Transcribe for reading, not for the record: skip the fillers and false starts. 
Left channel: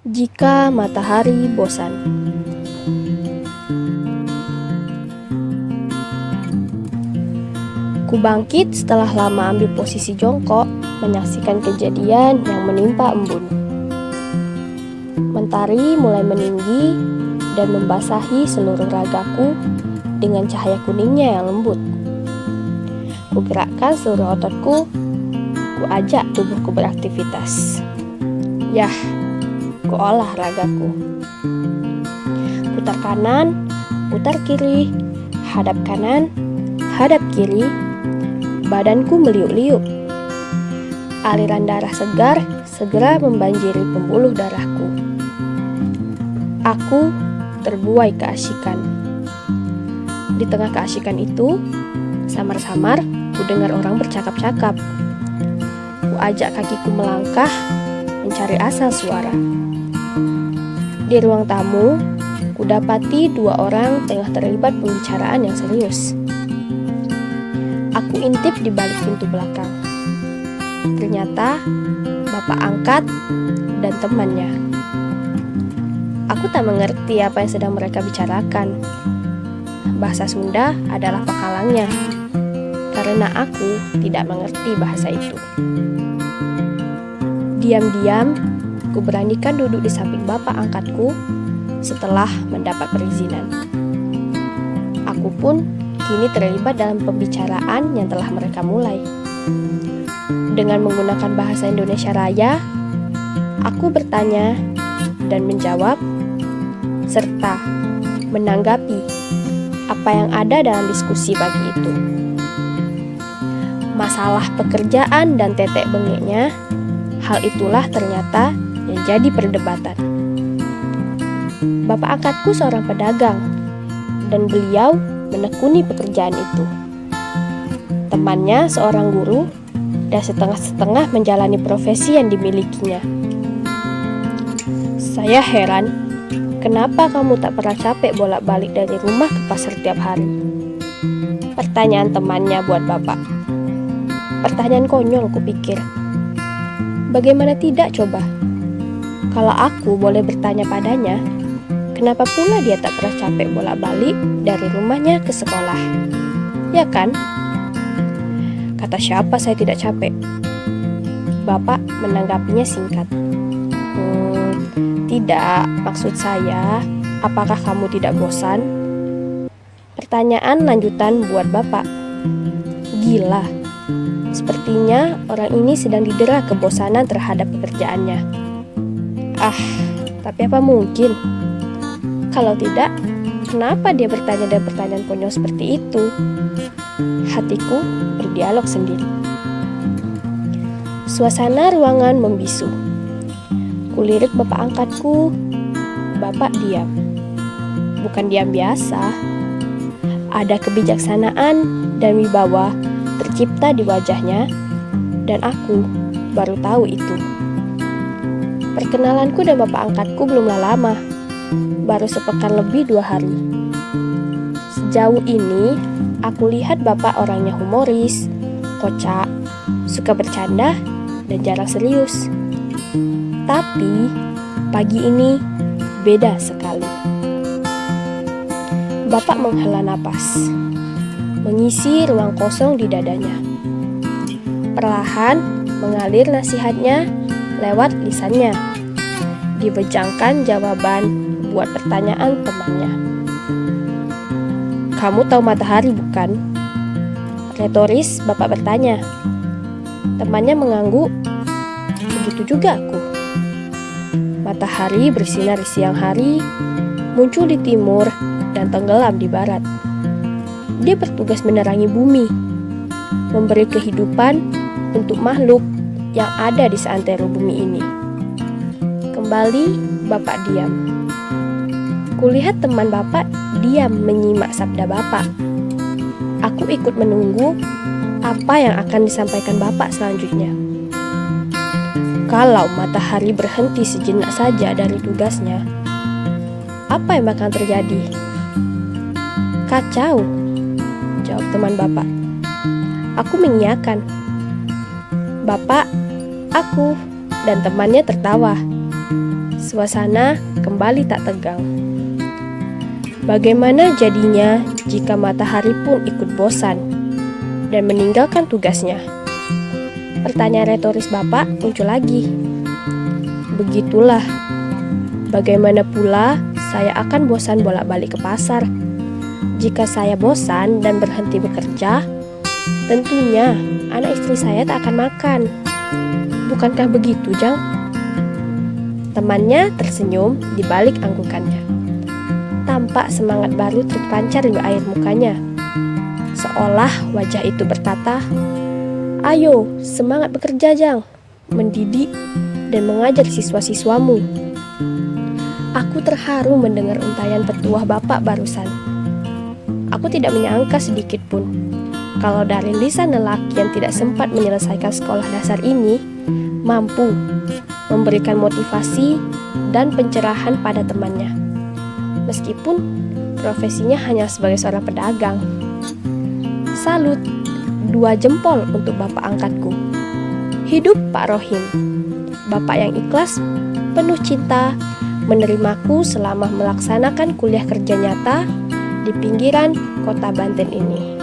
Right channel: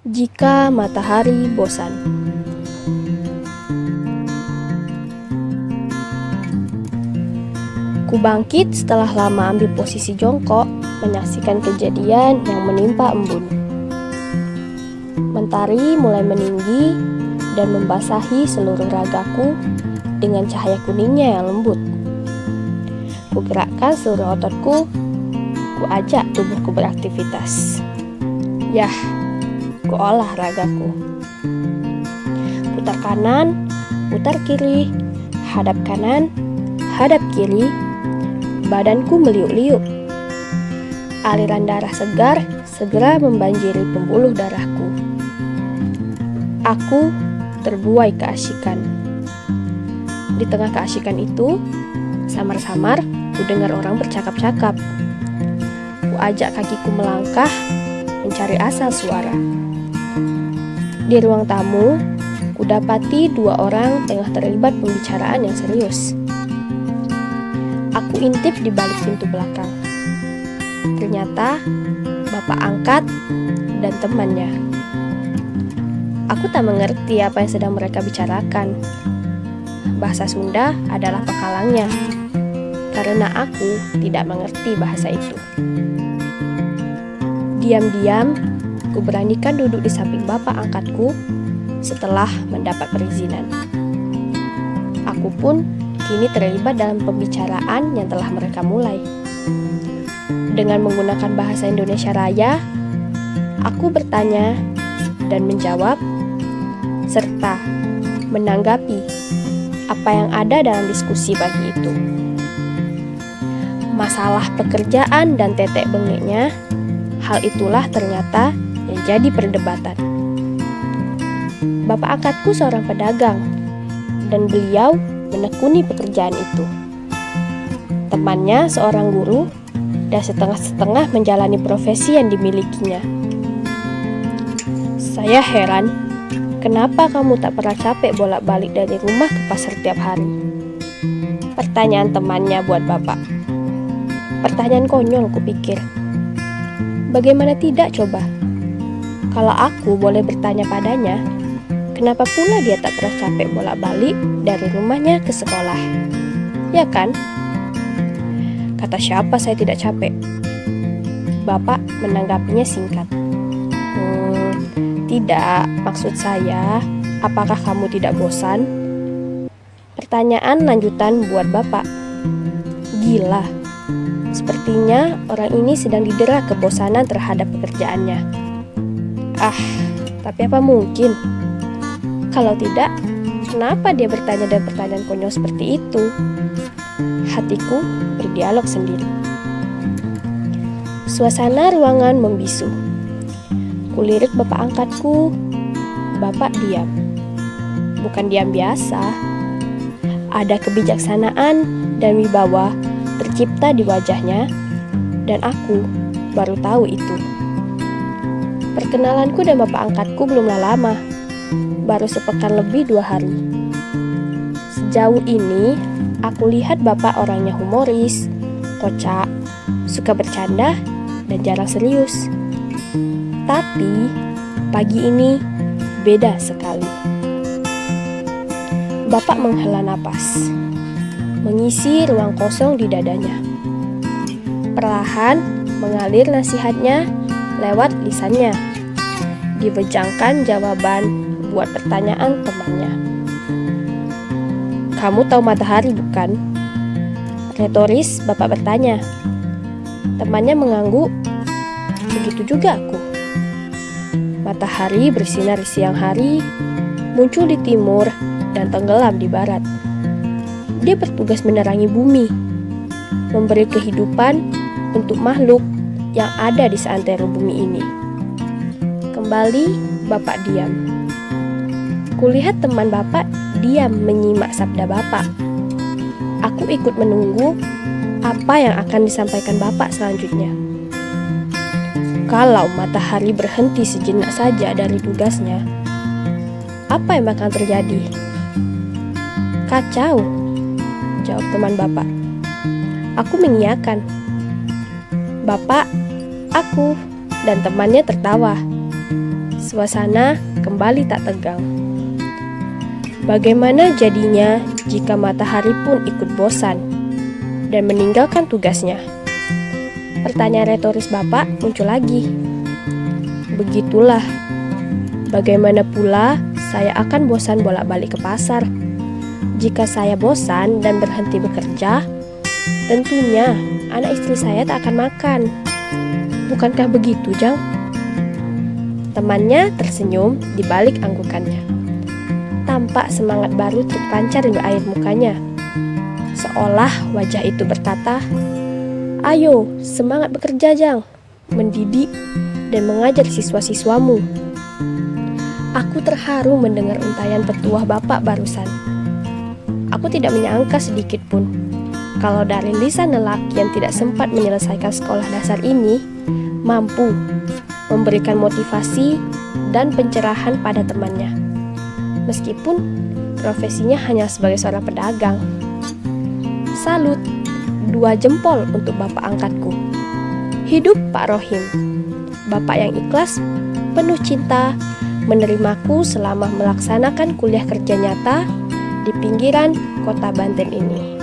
Jika matahari bosan. Ku bangkit setelah lama ambil posisi jongkok, menyaksikan kejadian yang menimpa embun. Mentari mulai meninggi dan membasahi seluruh ragaku dengan cahaya kuningnya yang lembut. Ku gerakkan seluruh ototku, ku ajak tubuhku beraktivitas. Yah, ku olah ragaku. Putar kanan, putar kiri, hadap kanan, hadap kiri. Badanku meliuk-liuk. Aliran darah segar segera membanjiri pembuluh darahku. Aku terbuai keasikan. Di tengah keasikan itu, samar-samar ku dengar orang bercakap-cakap. Ku ajak kakiku melangkah, mencari asal suara. Di ruang tamu, ku dapati dua orang tengah terlibat pembicaraan yang serius. Aku intip di balik pintu belakang. Ternyata bapak angkat dan temannya. Aku tak mengerti apa yang sedang mereka bicarakan. Bahasa Sunda adalah penghalangnya, karena aku tidak mengerti bahasa itu. Diam-diam, ku beranikan duduk di samping bapak angkatku setelah mendapat perizinan. Aku pun kini terlibat dalam pembicaraan yang telah mereka mulai. Dengan menggunakan bahasa Indonesia Raya, aku bertanya dan menjawab, serta menanggapi apa yang ada dalam diskusi pagi itu. Masalah pekerjaan dan tetek bengeknya, hal itulah ternyata yang jadi perdebatan. Bapak angkatku seorang pedagang, dan beliau menekuni pekerjaan itu. Temannya seorang guru, dan setengah-setengah menjalani profesi yang dimilikinya. Saya heran, kenapa kamu tak pernah capek bolak-balik dari rumah ke pasar tiap hari? Pertanyaan temannya buat bapak. Pertanyaan konyol, kupikir. Bagaimana tidak coba? Kalau aku boleh bertanya padanya, kenapa pula dia tak pernah capek bolak-balik dari rumahnya ke sekolah? Ya kan? Kata siapa saya tidak capek? Bapak menanggapinya singkat. Tidak, maksud saya, apakah kamu tidak bosan? Pertanyaan lanjutan buat bapak. Gila, sepertinya orang ini sedang didera kebosanan terhadap pekerjaannya. Tapi apa mungkin? Kalau tidak, kenapa dia bertanya dan pertanyaan konyol seperti itu? Hatiku berdialog sendiri. Suasana ruangan membisu. Kulirik bapak angkatku. Bapak diam. Bukan diam biasa. Ada kebijaksanaan dan wibawa tercipta di wajahnya, dan aku baru tahu itu. Perkenalanku dan bapak angkatku belumlah lama. Baru sepekan lebih 2 hari. Sejauh ini, aku lihat bapak orangnya humoris, kocak, suka bercanda, dan jarang serius. Tapi, pagi ini beda sekali. Bapak menghela napas, mengisi ruang kosong di dadanya. Perlahan mengalir nasihatnya lewat lisannya. Dibejangkan jawaban buat pertanyaan temannya. Kamu tahu matahari bukan? Retoris bapak bertanya. Temannya mengangguk. Begitu juga aku. Matahari bersinar di siang hari, muncul di timur dan tenggelam di barat. Dia bertugas menerangi bumi, memberi kehidupan untuk makhluk yang ada di seantero bumi ini. Kembali bapak diam. Kulihat teman bapak diam menyimak sabda bapak. Aku ikut menunggu apa yang akan disampaikan bapak selanjutnya. Kalau matahari berhenti sejenak saja dari tugasnya, apa yang bakal terjadi? Kacau, jawab teman bapak. Aku mengiyakan. Bapak, aku, dan temannya tertawa. Suasana kembali tak tegang. Bagaimana jadinya jika matahari pun ikut bosan dan meninggalkan tugasnya? Pertanyaan retoris Bapak muncul lagi. Begitulah, bagaimana pula saya akan bosan bolak-balik ke pasar? Jika saya bosan dan berhenti bekerja, tentunya anak istri saya tak akan makan. Bukankah begitu, Jang? Temannya tersenyum di balik anggukannya. Tampak semangat baru terpancar di air mukanya. Seolah wajah itu berkata, "Ayo, semangat bekerja, Jang, mendidik dan mengajar siswa-siswamu." Aku terharu mendengar untayan petuah Bapak barusan. Aku tidak menyangka sedikit pun kalau dari lisan lelaki yang tidak sempat menyelesaikan sekolah dasar ini mampu memberikan motivasi dan pencerahan pada temannya. Meskipun profesinya hanya sebagai seorang pedagang. Salut, 2 jempol untuk Bapak angkatku. Hidup Pak Rohim, Bapak yang ikhlas, penuh cinta, menerimaku selama melaksanakan kuliah kerja nyata di pinggiran kota Banten ini.